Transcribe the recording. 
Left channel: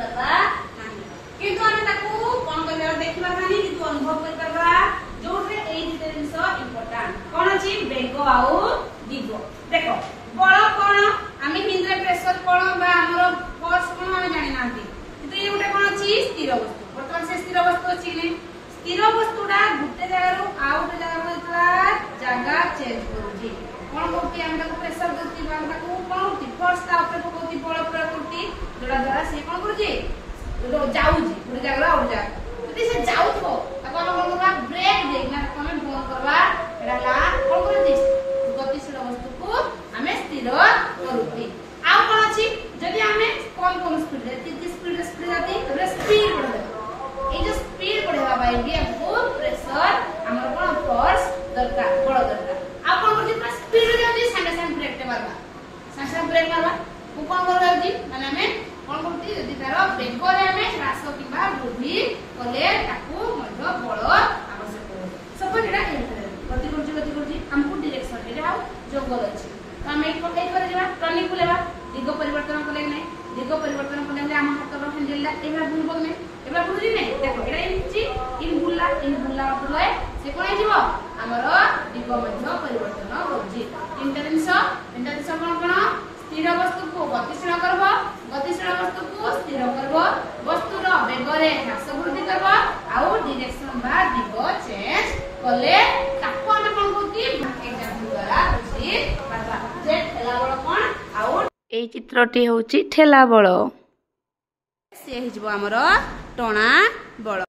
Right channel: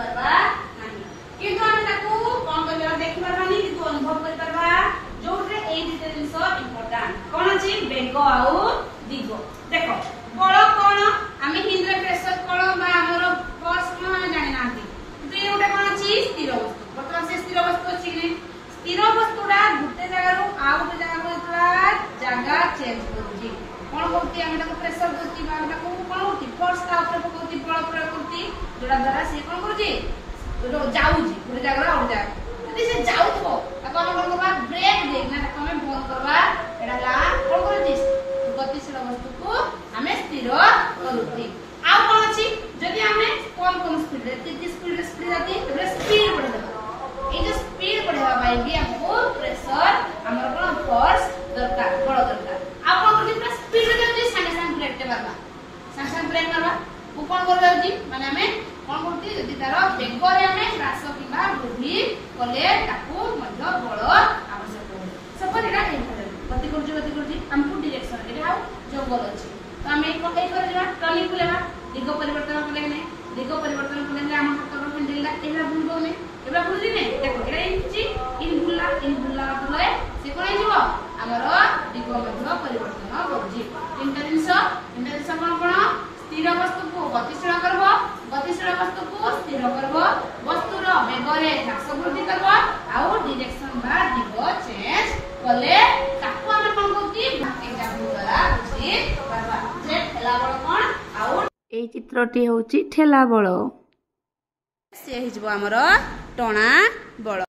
पारबा नाही किंतु हम ताकू कोन करबा देखिबा नाही किंतु अनुभव कर पारबा जोठे एई दिते जिंस इंपोर्टेंट कोन अछि बेग आउ दिग देखो बळ कोन आमी हिंदी रे प्रेशर कोन बा हमरो फोर्स कोन हम जानि नांती किंतु ये उठे कोन अछि स्थिर वस्तु वर्तमान से स्थिर वस्तु अछि कि स्थिर वस्तुडा गुटे जगह रो आउ गुटे जगह रो जगह चेंज करूची कोन होती हम ताको प्रेशर दोती बा ताको कोन होती फोर्स ता ऊपर पकोती बळ प्रयोग करती जोडा द्वारा से कोन करूची जो जाउची गुटे जगह रो जा यदि से जाउथो ताको हम कोन करबा ब्रेक देना ताको हम बंद करबा एडा ला कोन करूची गतिशील वस्तु को हमें स्थिर करूती आ कोन अछि जदि हमें कम स्पीड रे कितनी स्पीड जाती तो स्पीड बढ़ जाती ए जो स्पीड बढ़ावा बाई भी हमको प्रेशर हमर कोन फोर्स दरकार बड़ दरकार आ कोन करछि पूरा स्पीड जाउछि संगे ब्रेक ते मारबा संगे ब्रेक मारबा को कोन कर जाउछि माने हमें कोन करछि जदि तार बेग रे हमें ह्रास किबा वृद्धि कले ताकू मध्य बळ आवश्यक होय सपोज एटा गति करछि हमको डायरेक्शन एटा जंगल अछि तो हमें को कई करे जमा टर्निंग लेबा दिग परिवर्तन कले नै दिग परिवर्तन कले हम हाथ रो हैंडल ला एबा बुल बगने एबा बुझी नै देखो एटा इछि इन बुल्ला फले से कोन जिवो हमर दिग मध्य परिवर्तन होछि इंटरनेट कोन स्थिर वस्तु को गतिशील करबो गतिशील वस्तु को स्थिर करबो वस्तु रो वेग रे ह्रास वृद्धि करबो आउ डायरेक्शन बा दिग चेंज कले ताको हम कोन होती एग्जांपल द्वारा बुझी परबा जे ठेला बळ कोन आउ ए चित्रटी होची ठेला बळ से हिजबो हमर टणा बळ।